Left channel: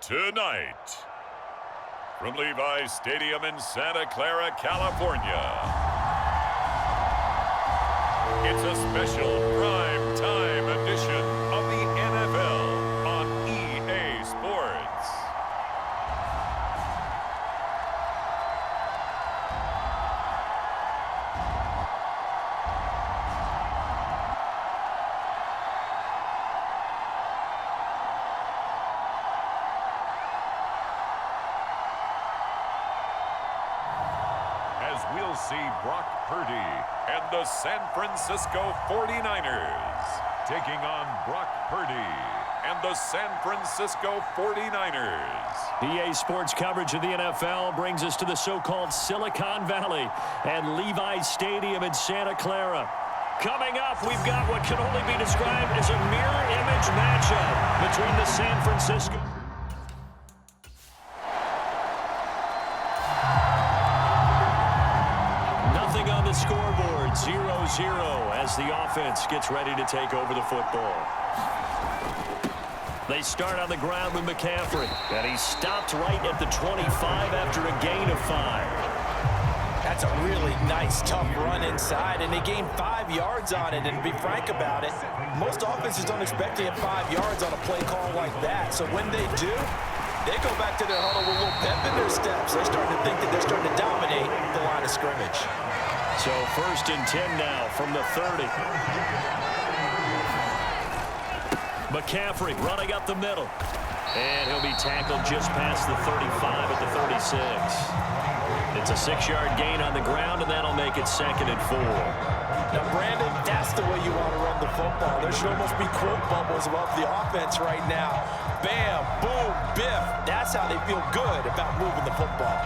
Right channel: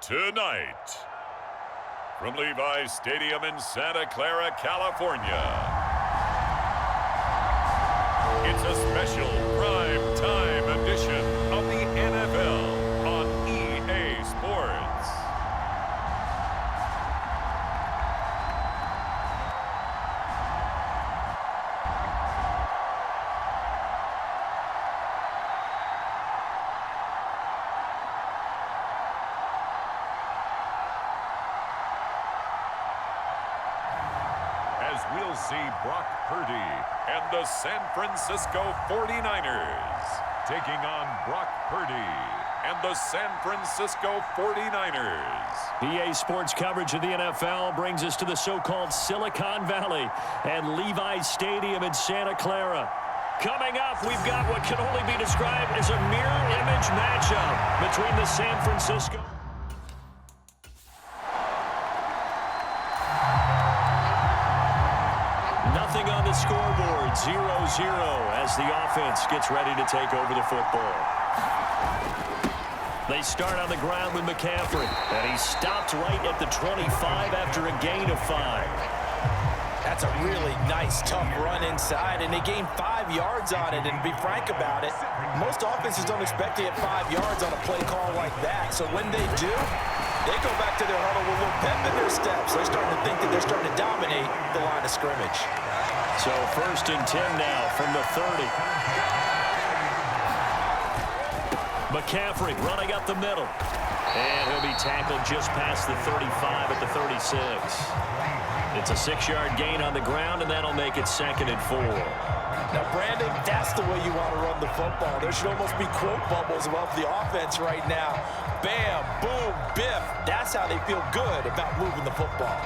Tonight, from Levi's Stadium in Santa Clara, California, it's a special prime time edition of the NFL on EA Sports. As we'll see Brock Purdy and the San Francisco 49ers taking on Brock Purdy and the San Francisco 49ers. EA Sports coverage of the NFL brings us to the so-called Silicon Valley and Levi's Stadium in Santa Clara. Coming up, we've got what can only be described as a mirror image matchup between the San Francisco Nothing on the scoreboard, 0-0 as the offense gets ready to take over the football. They start on the ground with McCaffrey, and he stopped right at the 25 after a gain of 5. That's a really nice, tough run inside, and they gained 5 yards on it. And to be frank about it, most offenses don't expect to get 5 yards on a play call like that. So when they do, they go back to their huddle with a little pep in their steps. They're starting to think that they're starting to dominate the line of scrimmage. So 1st and 10 now from the 30. McCaffrey running up the middle. And he'll be tackled just past the 35 at the 36. It's a 6-yard gain on the ground, and that'll make it 2nd and 4. Now, Brandon, that's the way you want to run the football. There should almost be quote bubbles above the offense right now. Bam, boom, biff. That's how they feel good about moving the football.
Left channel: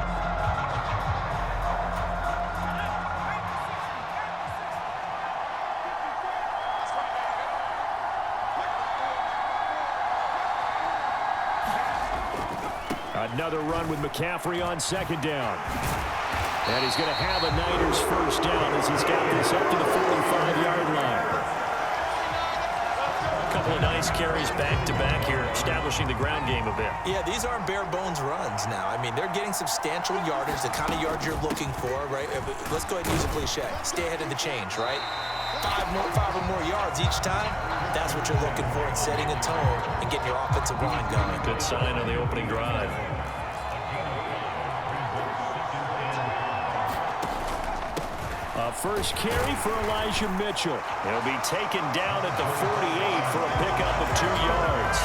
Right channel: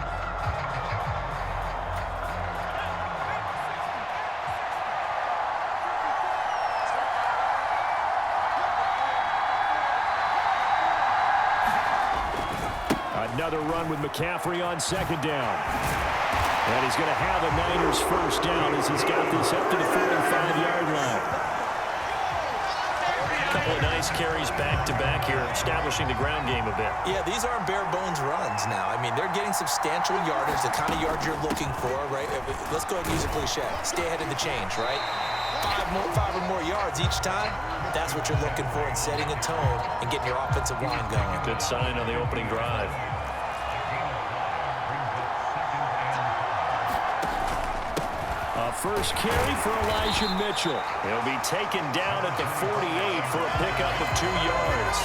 Another run with McCaffrey on 2nd down. And he's going to have a Niners 1st down as he's got this up to the 45-yard line. A couple of nice carries back-to-back here, establishing the ground game a bit. Yeah, these aren't bare-bones runs now. I mean, they're getting substantial yardage, the kind of yards you're looking for, right? Let's go ahead and use a cliche. Stay ahead of the change, right? 5 or more yards each time. That's what you're looking for in setting a tone and getting your offensive line going. Good sign on the opening drive. A first carry for Elijah Mitchell. He'll be taken down at the 48 for a pickup of 2 yards.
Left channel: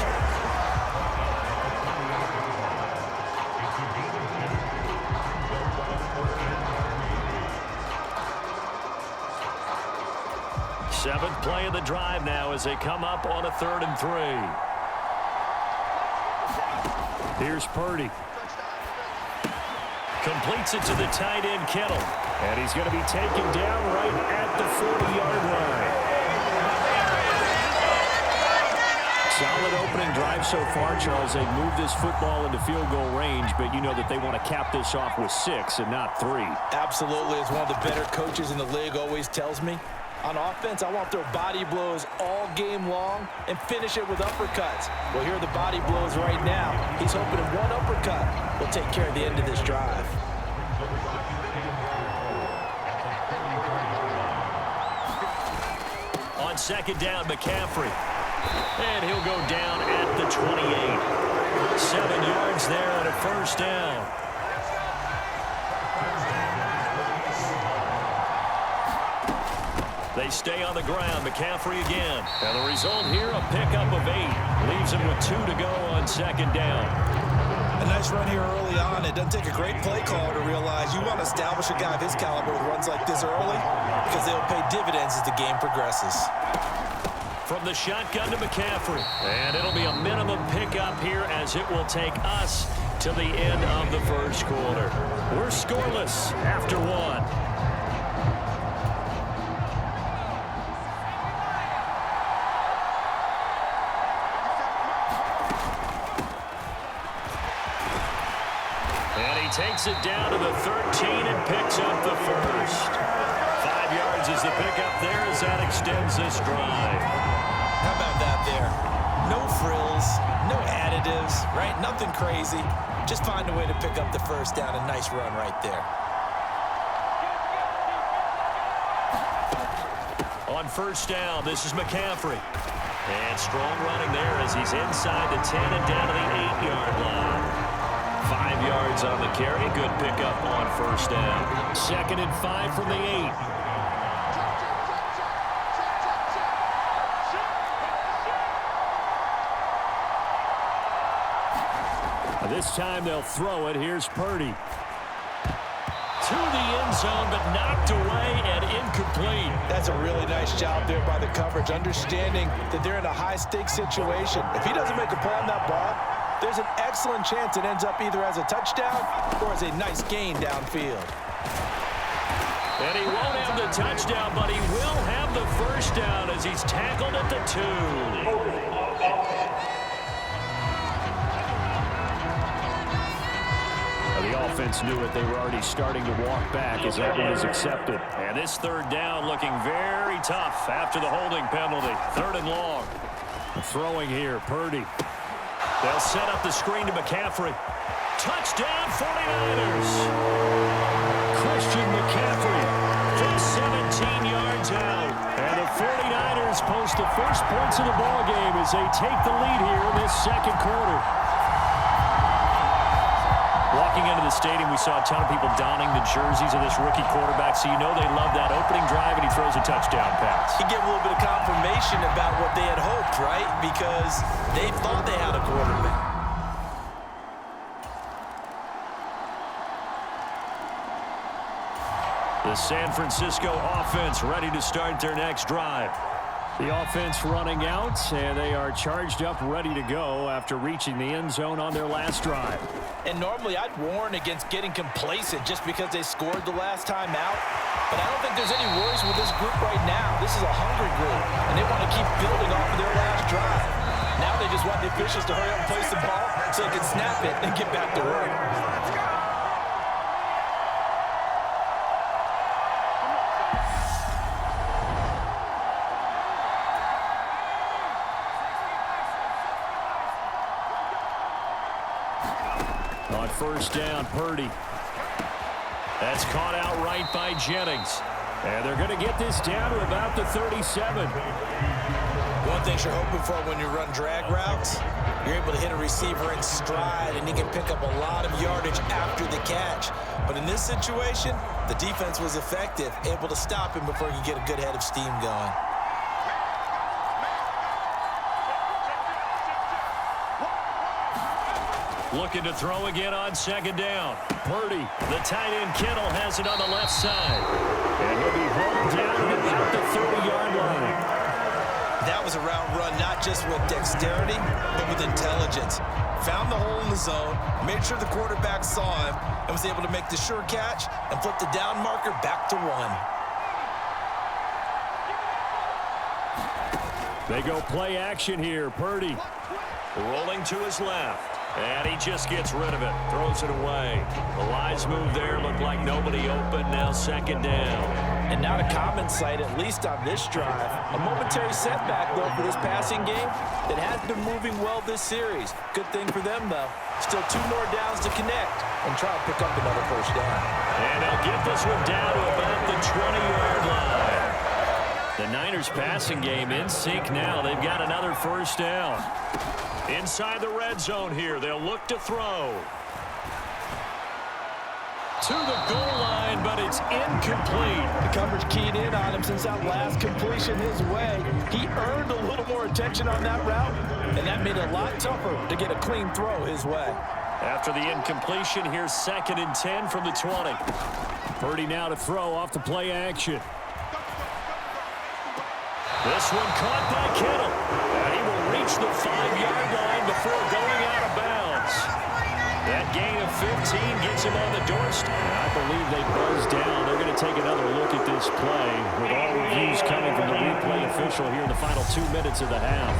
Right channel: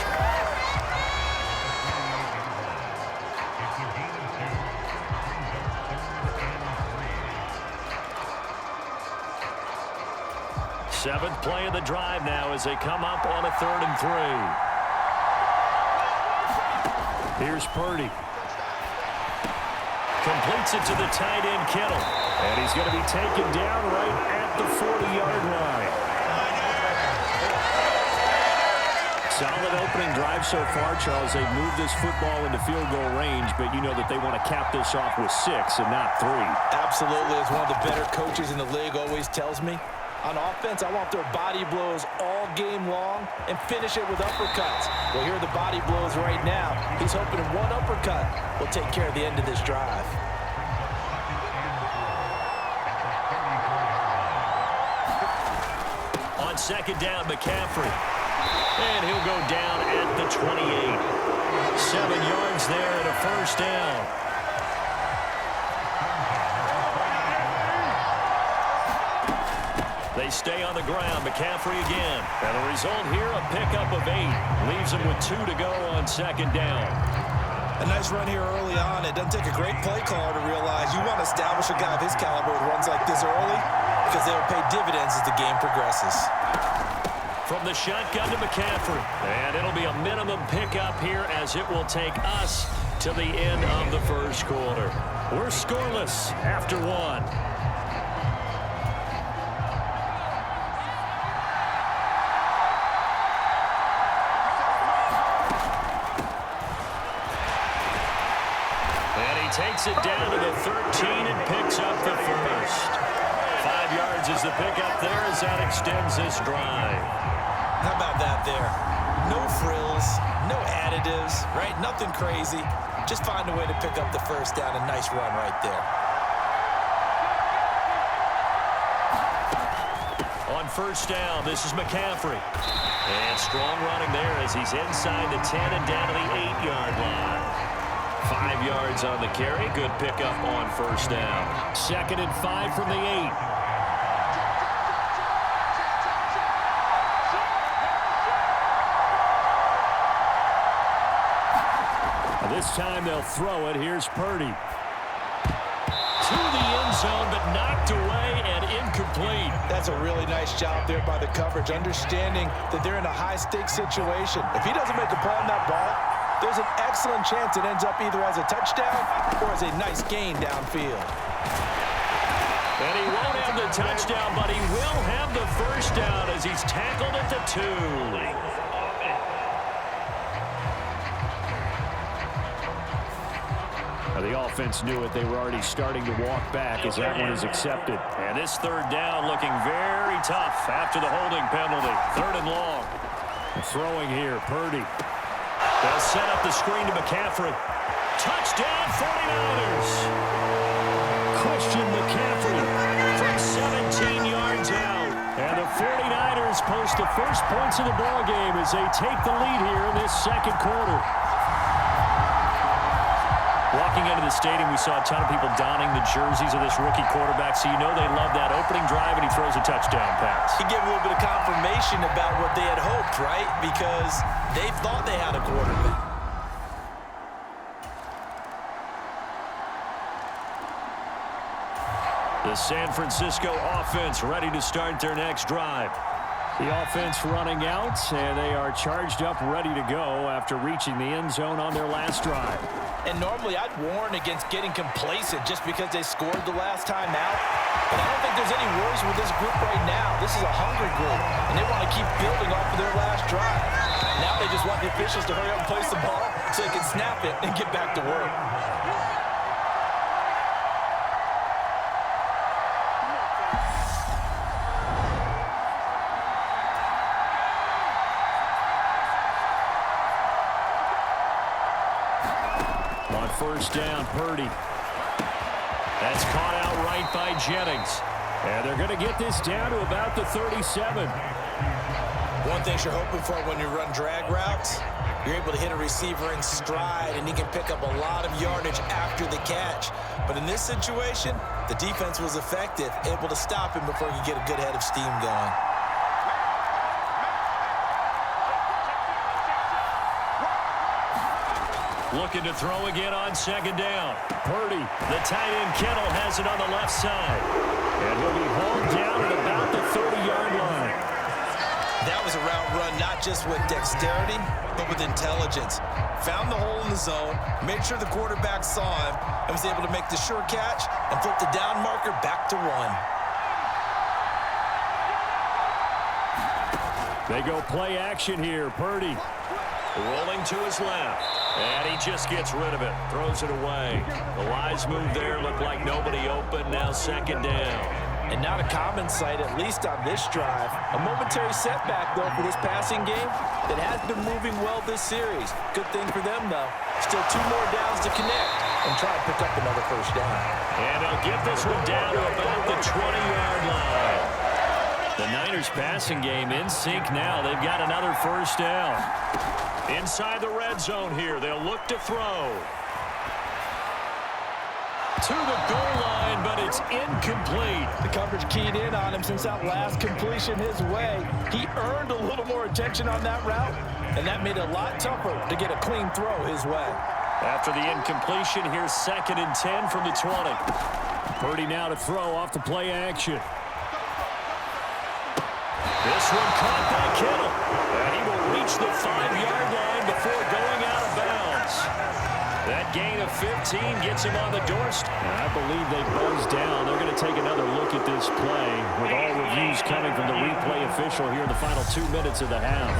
Seventh play of the drive now as they come up on a 3rd and 3. Here's Purdy. Completes it to the tight end, Kittle. And he's going to be taken down right at the 40-yard line. Solid opening drive so far, Charles. They've moved this football into field goal range, but you know that they want to cap this off with 6 and not 3. Absolutely. As one of the better coaches in the league always tells me, on offense, I want their body blows all game long and finish it with uppercuts. Well, here are the body blows right now. He's hoping in one uppercut will take care of the end of this drive. On 2nd down, McCaffrey. And he'll go down at the 28. 7 yards there and a 1st down. They stay on the ground. McCaffrey again. And the result here, a pickup of 8. Leaves him with 2 to go on 2nd down. A nice run here early on. It doesn't take a great play caller to realize you want to establish a guy of his caliber with runs like this early because they'll pay dividends as the game progresses. From the shotgun to McCaffrey. And it'll be a minimum pickup here as it will take us to the end of the first quarter. We're scoreless after one. And he takes it down to the 13 and picks up the first. 5 yards is the pickup there as that extends this drive. How about that there? No frills, no additives, right? Nothing crazy. Just find a way to pick up the first down. A nice run right there. On first down, this is McCaffrey. And strong running there as he's inside the 10 and down to the 8-yard line. 5 yards on the carry. Good pickup on first down. 2nd and 5 from the 8. This time they'll throw it. Here's Purdy. To the end zone, but knocked away and incomplete. That's a really nice job there by the coverage, understanding that they're in a high-stakes situation. If he doesn't make a play on that ball, there's an excellent chance it ends up either as a touchdown or as a nice gain downfield. And he won't have the touchdown, but he will have the first down as he's tackled at the 2. The offense knew it. They were already starting to walk back as that one is accepted. And this 3rd down looking very tough after the holding penalty. 3rd and long. Throwing here, Purdy. They'll set up the screen to McCaffrey. Touchdown, 49ers. Christian McCaffrey from 17 yards out. And the 49ers post the first points of the ball game as they take the lead here in this 2nd quarter. Walking into the stadium, we saw a ton of people donning the jerseys of this rookie quarterback, so you know they love that opening drive, and he throws a touchdown pass. He gave a little bit of confirmation about what they had hoped, right? Because they thought they had a quarterback. The San Francisco offense ready to start their next drive. The offense running out, and they are charged up, ready to go after reaching the end zone on their last drive. And normally I'd warn against getting complacent just because they scored the last time out. But I don't think there's any worries with this group right now. This is a hungry group, and they want to keep building off of their last drive. Now they just want the officials to hurry up and place the ball so they can snap it and get back to work. On first down, Purdy. That's caught out right by Jennings. And they're going to get this down to about the 37. One thing you're hoping for when you run drag routes, you're able to hit a receiver in stride, and he can pick up a lot of yardage after the catch. But in this situation, the defense was effective, able to stop him before he could get a good head of steam going. Looking to throw again on 2nd down. Purdy, the tight end Kittle, has it on the left side. And he'll be hauled down at about the 30-yard line. That was a route run not just with dexterity, but with intelligence. Found the hole in the zone, made sure the quarterback saw him, and was able to make the sure catch and flip the down marker back to 1. They go play action here. Purdy rolling to his left. And he just gets rid of it. Throws it away. The wise move there. Looked like nobody open. Now 2nd down. And not a common sight, at least on this drive. A momentary setback, though, for this passing game that has been moving well this series. Good thing for them, though. Still 2 more downs to connect and try and pick up another first down. And they'll get this one down to about the 20-yard line. The Niners passing game in sync now. They've got another first down. Inside the red zone here. They'll look to throw. To the goal line, but it's incomplete. The coverage keyed in on him since that last completion his way. He earned a little more attention on that route, and that made it a lot tougher to get a clean throw his way. After the incompletion, here's 2nd and 10 from the 20. Purdy now to throw off the play action. This one caught by Kittle. And he will reach the 5-yard line before going out of bounds. That gain of 15 gets him on the doorstep. And I believe they buzzed down. They're going to take another look at this play with all reviews coming from the replay official here in the final 2 minutes of the half.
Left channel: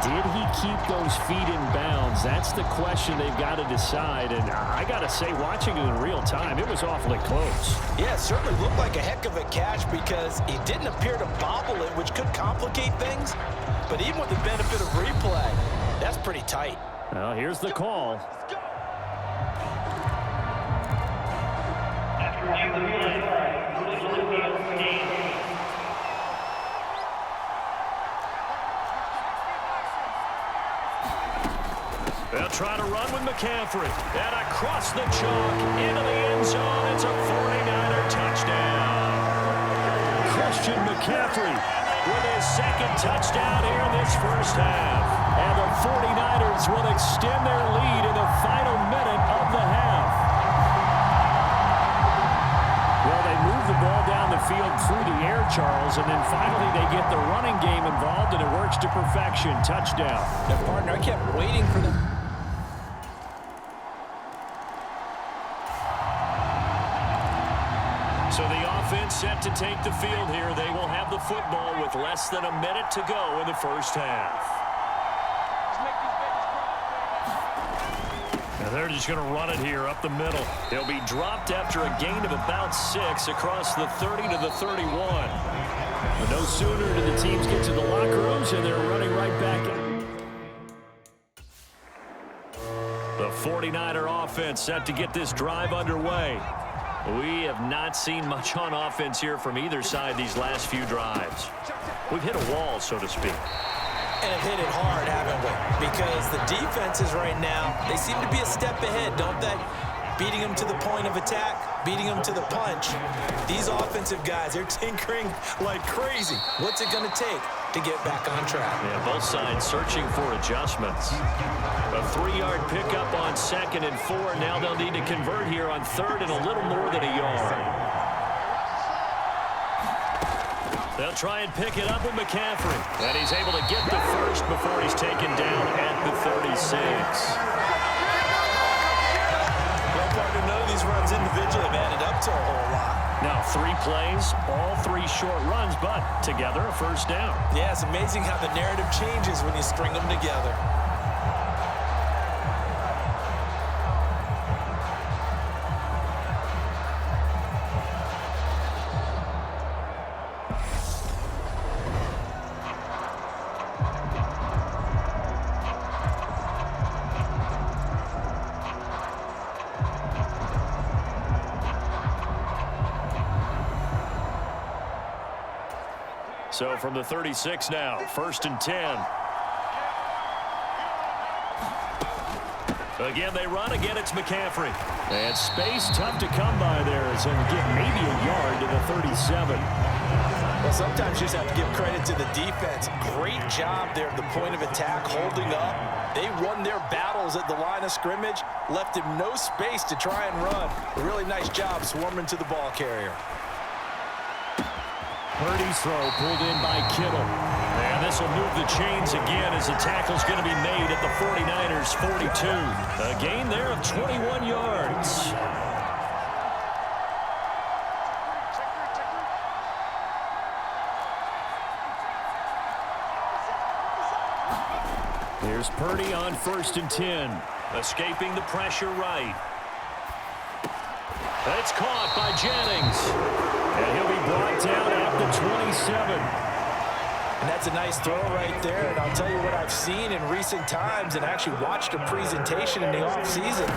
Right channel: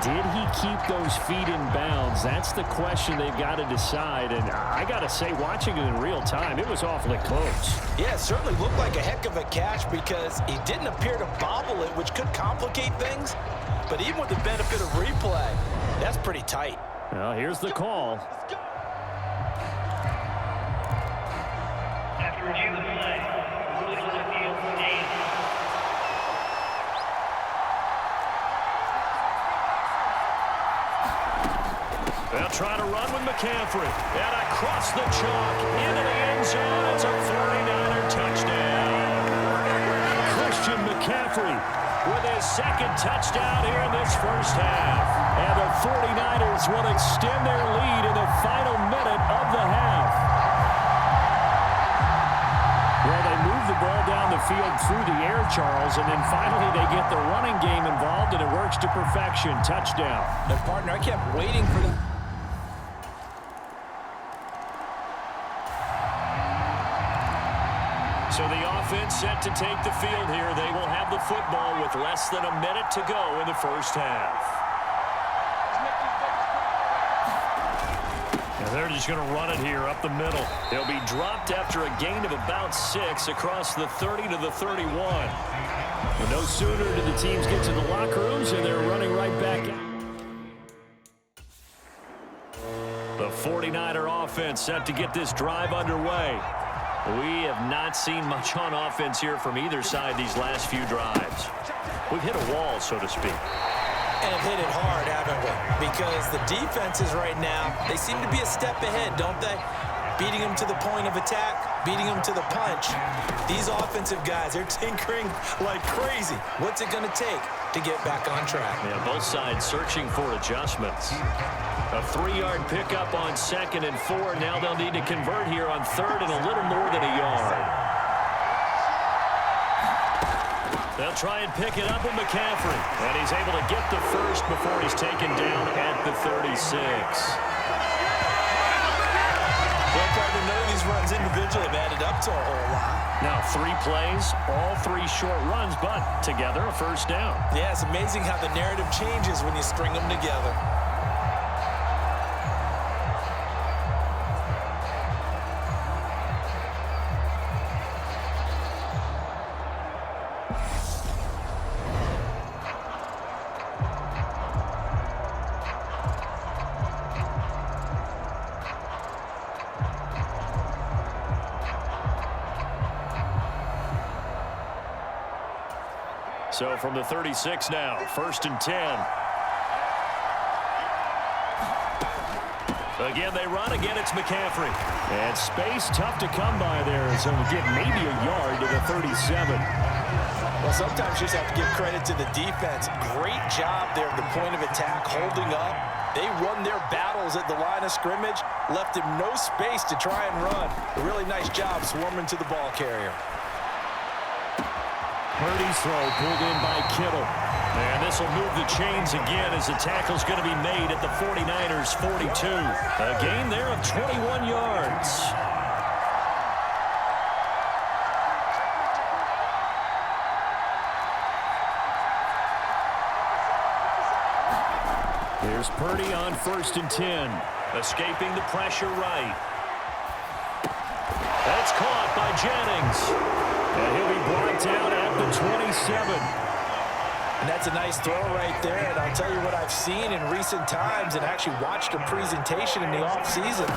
Did he keep those feet in bounds? That's the question they've got to decide. And I got to say, watching it in real time, it was awfully close. Yeah, it certainly looked like a heck of a catch because he didn't appear to bobble it, which could complicate things. But even with the benefit of replay, that's pretty tight. Well, here's the call. After review of the play, ruling on the field stands. They'll try to run with McCaffrey. And across the chalk, into the end zone. It's a 49er touchdown. Christian McCaffrey with his second touchdown here in this first half. And the 49ers will extend their lead in the final minute of the half. Well, they move the ball down the field through the air, Charles, and then finally they get the running game involved, and it works to perfection. Touchdown. Now, partner, I kept waiting for them. So the offense set to take the field here. They will have the football with less than a minute to go in the first half. And they're just going to run it here up the middle. They'll be dropped after a gain of about 6 across the 30 to the 31. But no sooner do the teams get to the locker rooms, and they're running right back out. The 49er offense set to get this drive underway. We have not seen much on offense here from either side these last few drives. We've hit a wall, so to speak. And have hit it hard, haven't we? Because the defenses right now, they seem to be a step ahead, don't they? Beating them to the point of attack, beating them to the punch. These offensive guys, they're tinkering like crazy. What's it going to take to get back on track? Yeah, both sides searching for adjustments. A 3-yard pickup on 2nd and 4. Now they'll need to convert here on 3rd and a little more than a yard. They'll try and pick it up with McCaffrey. And he's able to get the first before he's taken down at the 36. Well, partner, none of these runs individually have added up to a whole lot. Now 3 plays, all 3 short runs, but together a first down. Yeah, it's amazing how the narrative changes when you string them together. So from the 36 now, 1st and 10. Again, they run. Again, it's McCaffrey. And space tough to come by there. So we get maybe a yard to the 37. Well, sometimes you just have to give credit to the defense. Great job there at the point of attack, holding up. They won their battles at the line of scrimmage, left him no space to try and run. A really nice job swarming to the ball carrier. Purdy's throw pulled in by Kittle. And this will move the chains again as the tackle's going to be made at the 49ers' 42. A gain there of 21 yards. Here's Purdy on 1st and 10. Escaping the pressure right. That's caught by Jennings. And he'll be brought down at the 27. And that's a nice throw right there. And I'll tell you what I've seen in recent times and actually watched a presentation in the offseason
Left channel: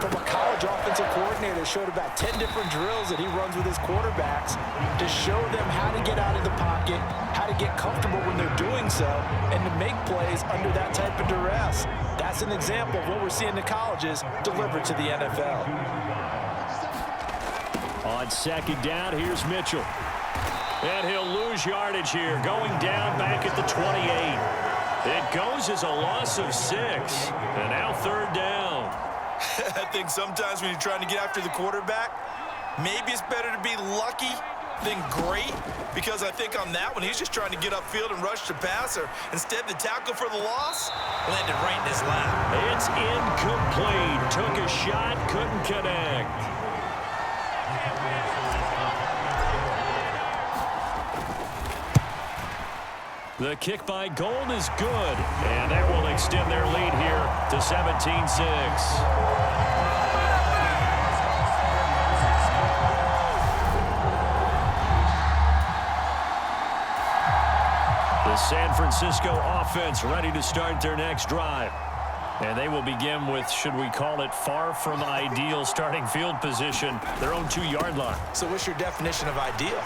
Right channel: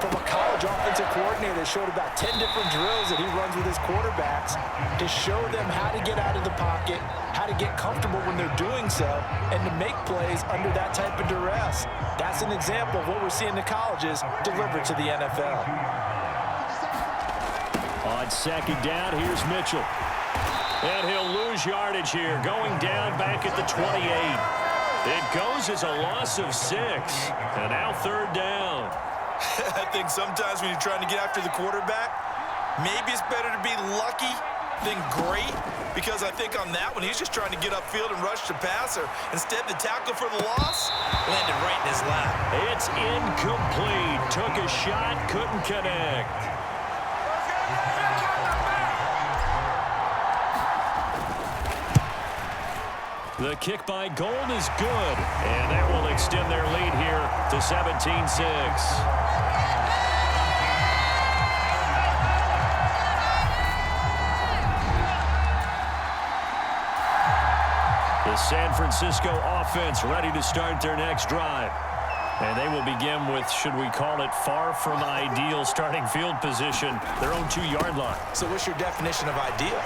from a college offensive coordinator that showed about 10 different drills that he runs with his quarterbacks to show them how to get out of the pocket, how to get comfortable when they're doing so, and to make plays under that type of duress. That's an example of what we're seeing in the colleges delivered to the NFL. On 2nd down, here's Mitchell. And he'll lose yardage here, going down back at the 28. It goes as a loss of 6. And now 3rd down. I think sometimes when you're trying to get after the quarterback, maybe it's better to be lucky then great, because I think on that one, he's just trying to get upfield and rush the passer. Instead, the tackle for the loss landed right in his lap. It's incomplete. Took a shot, couldn't connect. The kick by Gold is good, and that will extend their lead here to 17-6. The San Francisco offense ready to start their next drive. And they will begin with, should we call it, far from ideal starting field position, their own 2-yard line. So what's your definition of ideal?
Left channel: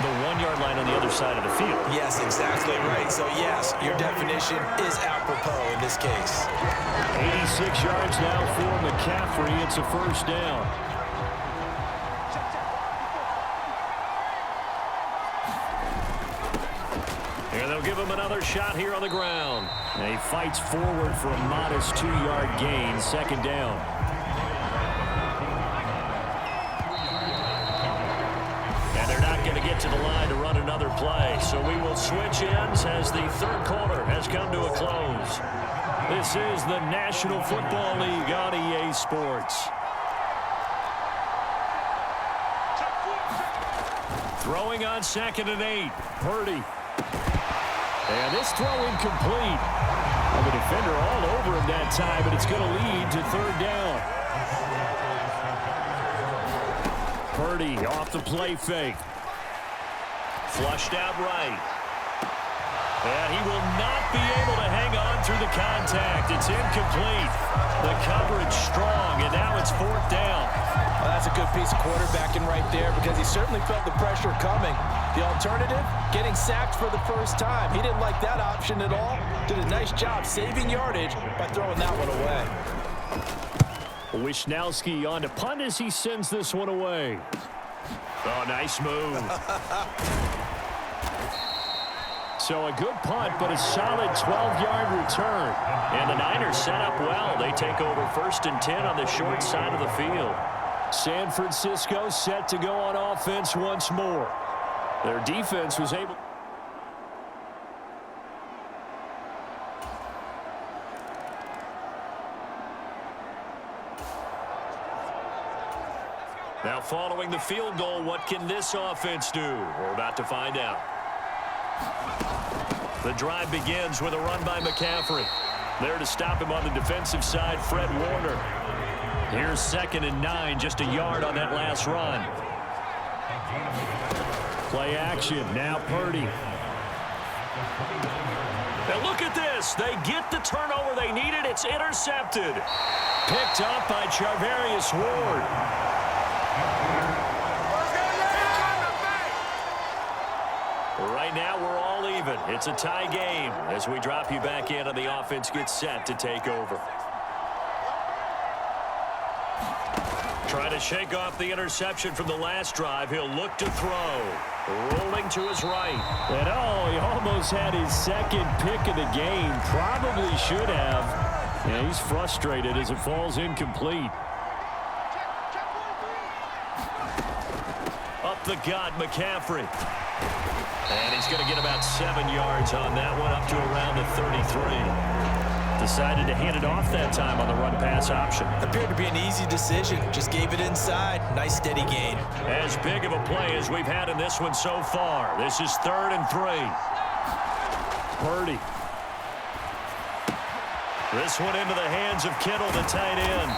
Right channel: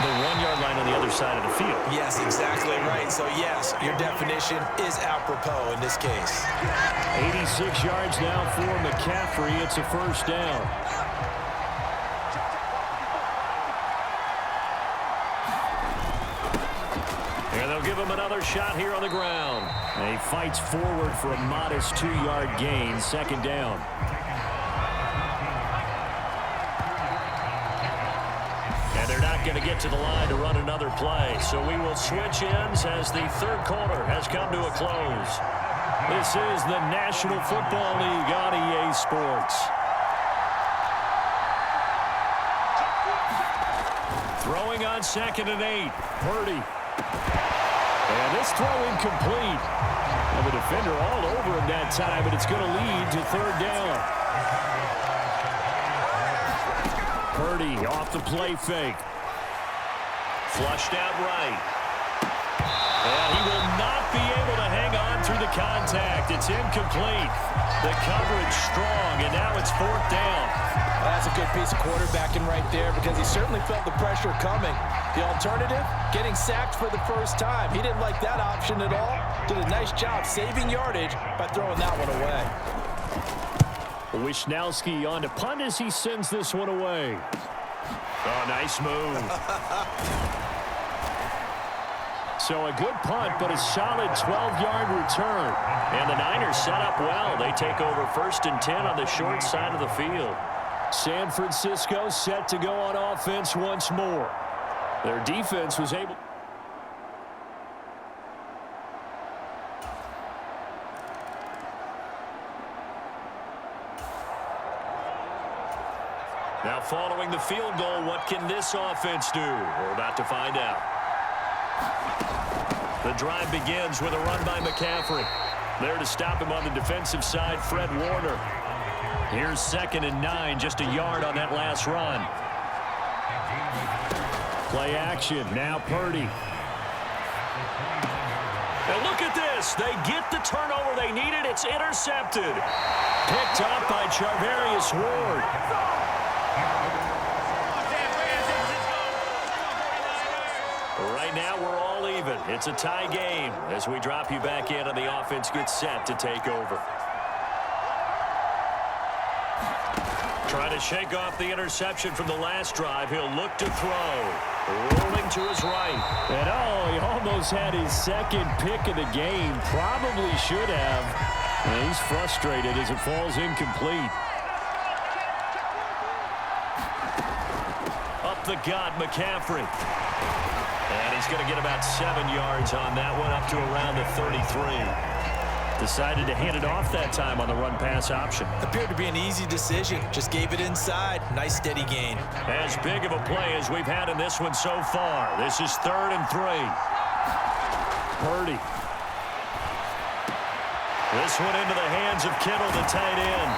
The 1-yard line on the other side of the field. Yes, exactly right. So, yes, your definition is apropos in this case. 86 yards now for McCaffrey. It's a first down. And they'll give him another shot here on the ground. And he fights forward for a modest 2-yard gain. Second down. And they're not going to get to the line to run another play. So we will switch ends as the third quarter has come to a close. This is the National Football League on EA Sports. Throwing on 2nd and 8. Purdy. And this throw incomplete. And the defender all over him that time, but it's going to lead to third down. Purdy off the play fake. Flushed out right. And he will not be able to hang on through the contact. It's incomplete. The coverage strong, and now it's 4th down. Well, that's a good piece of quarterbacking right there, because he certainly felt the pressure coming. The alternative, getting sacked for the first time. He didn't like that option at all. Did a nice job saving yardage by throwing that one away. Wisnowski on to punt as he sends this one away. Oh, nice move. So a good punt, but a solid 12-yard return. And the Niners set up well. They take over 1st and 10 on the short side of the field. San Francisco set to go on offense once more. Their defense was able... Now following the field goal, what can this offense do? We're about to find out. The drive begins with a run by McCaffrey. There to stop him on the defensive side, Fred Warner. Here's 2nd and 9, just a yard on that last run. Play action, now Purdy. And look at this. They get the turnover they needed. It's intercepted. Picked up by Charvarius Ward. Right now, we're all even. It's a tie game as we drop you back in and the offense gets set to take over. Trying to shake off the interception from the last drive. He'll look to throw. Rolling to his right. And he almost had his second pick of the game. Probably should have. And he's frustrated as it falls incomplete. Up the gut, McCaffrey. And he's going to get about 7 yards on that one, up to around the 33. Decided to hand it off that time on the run-pass option. Appeared to be an easy decision. Just gave it inside. Nice steady gain. As big of a play as we've had in this one so far. This is 3rd and 3. Purdy. This one into the hands of Kittle, the tight end.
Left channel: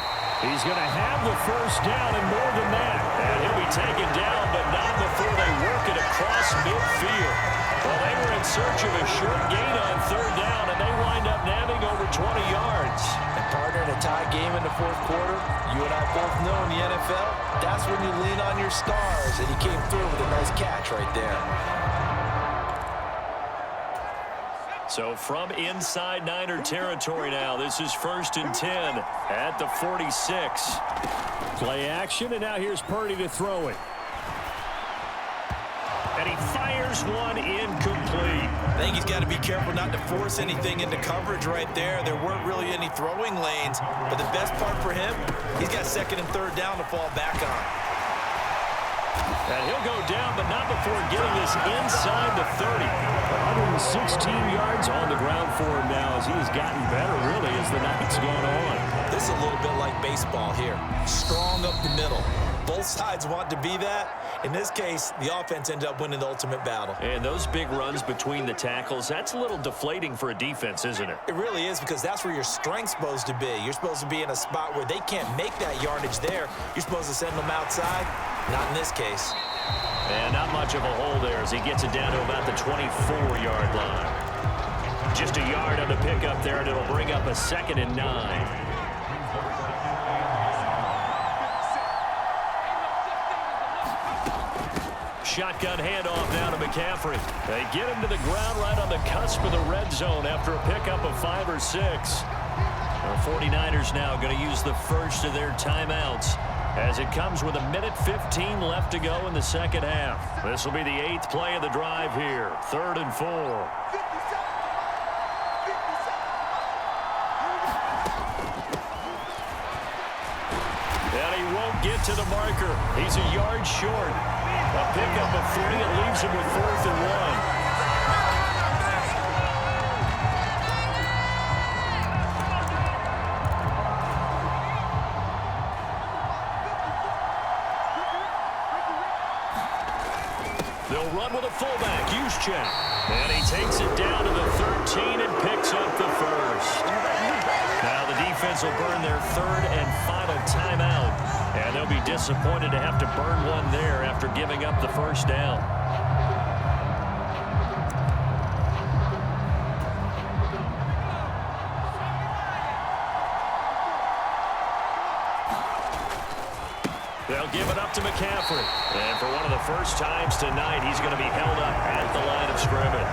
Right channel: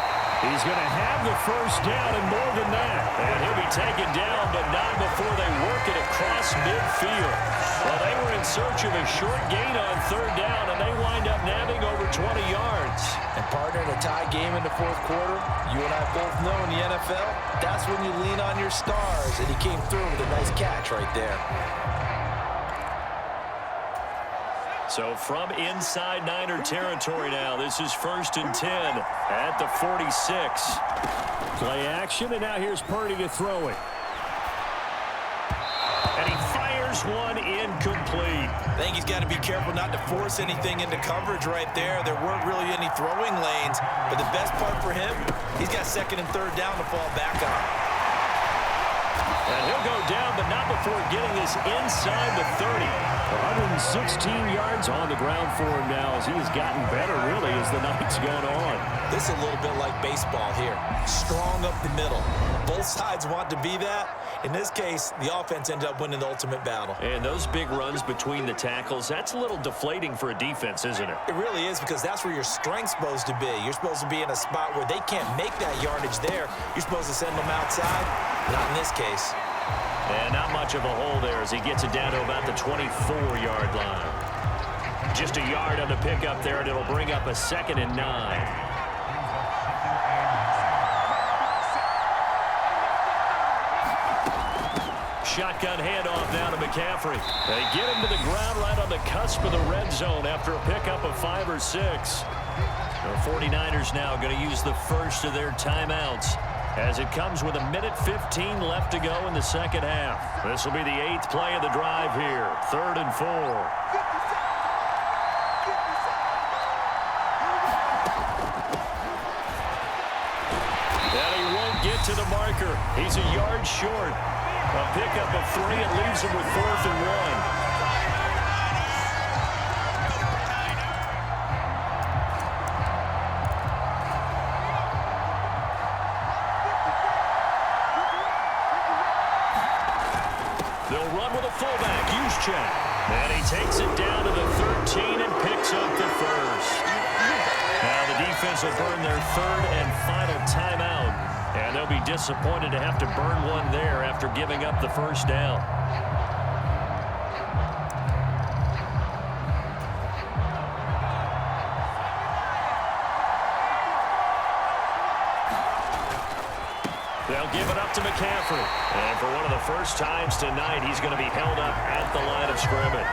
He's going to have the first down and more than that. And he'll be taken down, but not before they work it across midfield. Well, they were in search of a short gain on 3rd down, and they wind up nabbing over 20 yards. And partner, in a tie game in the 4th quarter, you and I both know in the NFL, that's when you lean on your stars, and he came through with a nice catch right there. So from inside Niner territory now, this is 1st and 10 at the 46. Play action, and now here's Purdy to throw it. And he fires one incomplete. I think he's got to be careful not to force anything into coverage right there. There weren't really any throwing lanes, but the best part for him, he's got 2nd and 3rd down to fall back on. And he'll go down, but not before getting this inside the 30. 116 yards on the ground for him now as he has gotten better, really, as the night's gone on. This is a little bit like baseball here. Strong up the middle. Both sides want to be that. In this case, the offense ended up winning the ultimate battle. And those big runs between the tackles, that's a little deflating for a defense, isn't it? It really is, because that's where your strength's supposed to be. You're supposed to be in a spot where they can't make that yardage there. You're supposed to send them outside. Not in this case. And not much of a hole there as he gets it down to about the 24-yard line. Just a yard on the pickup there, and it'll bring up a 2nd and 9. Shotgun handoff now to McCaffrey. They get him to the ground right on the cusp of the red zone after a pickup of 5 or 6. The 49ers now going to use the first of their timeouts as it comes with 1:15 left to go in the second half. This will be the 8th play of the drive here. 3rd and 4. And he won't get to the marker. He's a yard short. A pickup of 3. It leaves him with 4th and 1. They'll run with a fullback, Juszczyk. And he takes it down to the 13 and picks up the first. Now the defense will burn their 3rd and final timeout. And they'll be disappointed to have to burn one there after giving up the first down. They'll give it up to McCaffrey. And for one of the first times tonight, he's going to be held up at the line of scrimmage.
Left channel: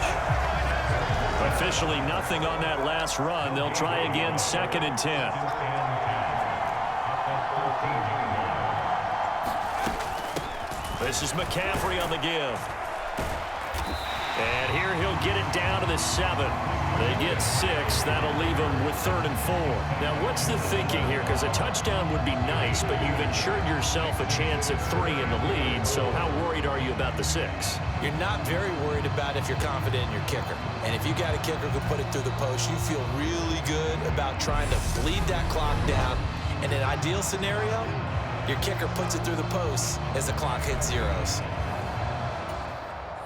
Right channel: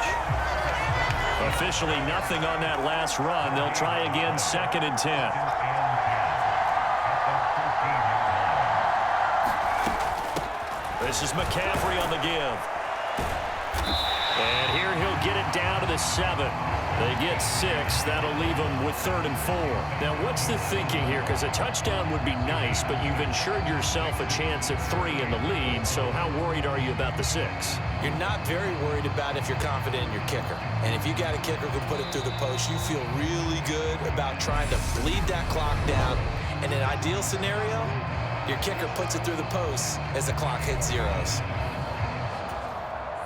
Officially nothing on that last run. They'll try again, 2nd and 10. This is McCaffrey on the give. And here he'll get it down to the 7. They get 6. That'll leave them with 3rd and 4. Now, what's the thinking here? Because a touchdown would be nice, but you've ensured yourself a chance at 3 in the lead. So how worried are you about the 6? You're not very worried about if you're confident in your kicker. And if you got a kicker who can put it through the post, you feel really good about trying to bleed that clock down. In an ideal scenario, your kicker puts it through the post as the clock hits zeros.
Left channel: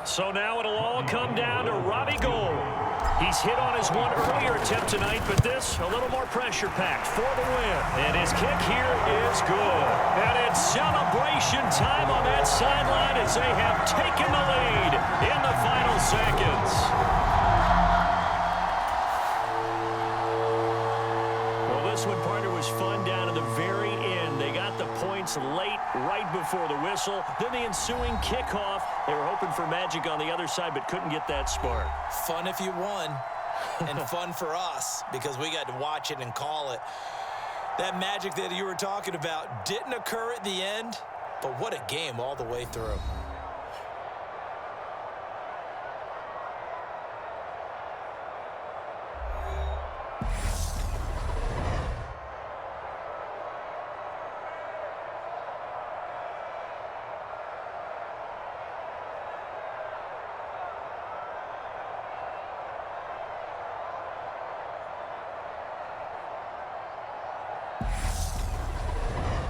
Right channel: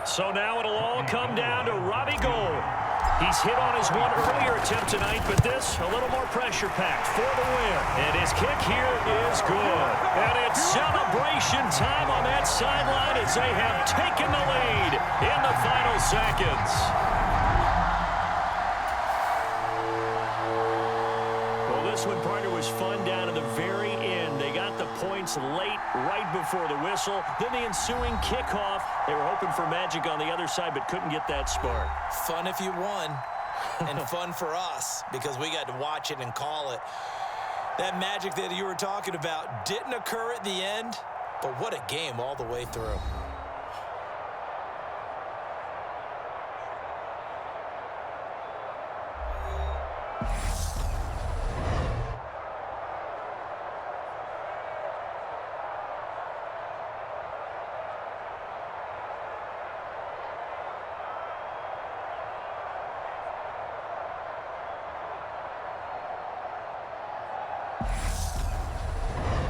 So now it'll all come down to Robbie Gould. He's hit on his one earlier attempt tonight, but this a little more pressure-packed for the win. And his kick here is good. And it's celebration time on that sideline as they have taken the lead in the final seconds. Well, this one, partner, was fun down to the very end. They got the points late, right before the whistle. Then the ensuing kickoff. They were hoping for magic on the other side, but couldn't get that spark. Fun if you won, and fun for us because we got to watch it and call it. That magic that you were talking about didn't occur at the end, but what a game all the way through.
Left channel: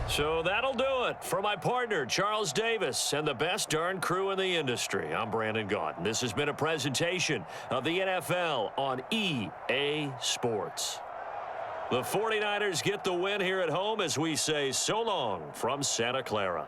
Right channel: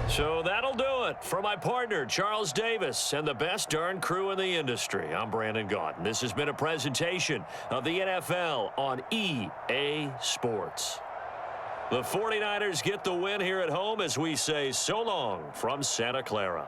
So that'll do it for my partner, Charles Davis, and the best darn crew in the industry. I'm Brandon Gaudin. This has been a presentation of the NFL on EA Sports. The 49ers get the win here at home as we say so long from Santa Clara.